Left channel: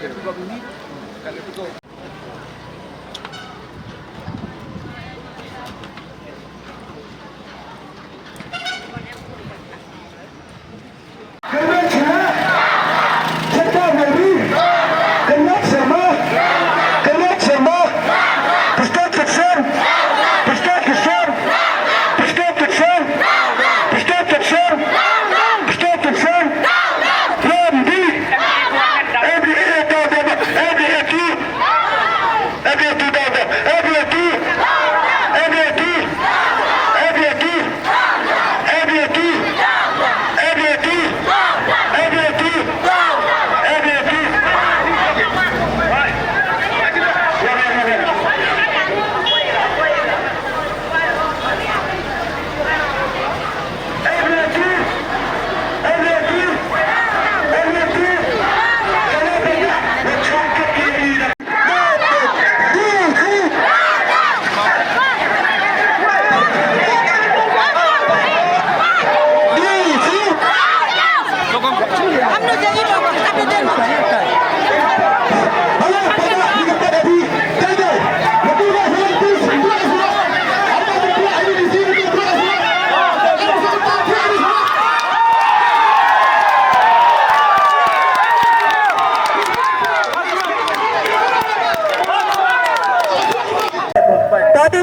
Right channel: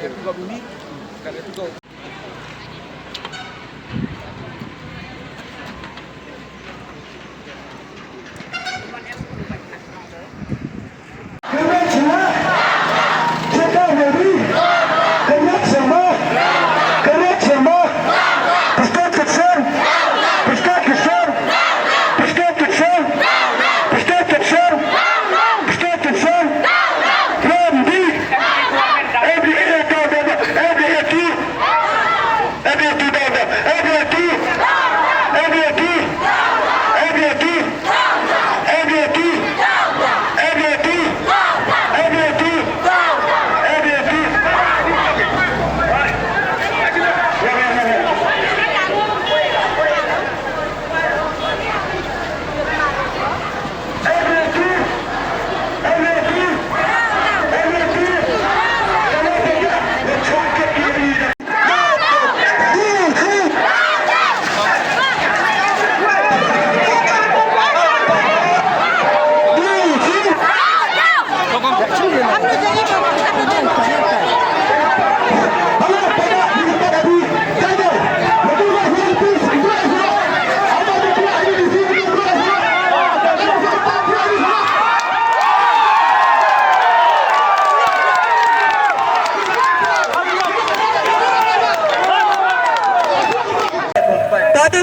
Tadi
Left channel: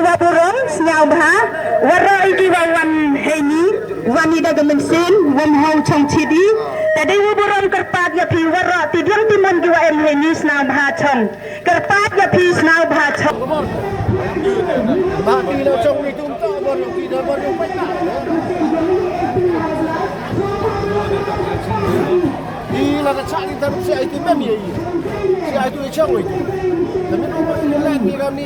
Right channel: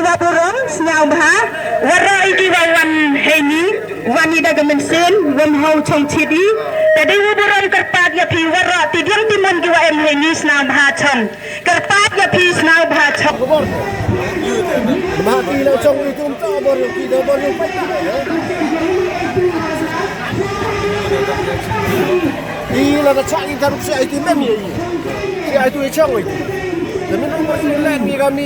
waburong snau bah warra iki wan heni wani daga mensin wan hau chong chidi tadi waburong kerpat ya pi warra tidiang timon ki wa em heni snau bah chong kerpat ya pi snau bah chong mati la chong itu tak boleh tidak boleh ini la cak kita rusak itu men ni itu chong itu tapi nomor 9 ni kami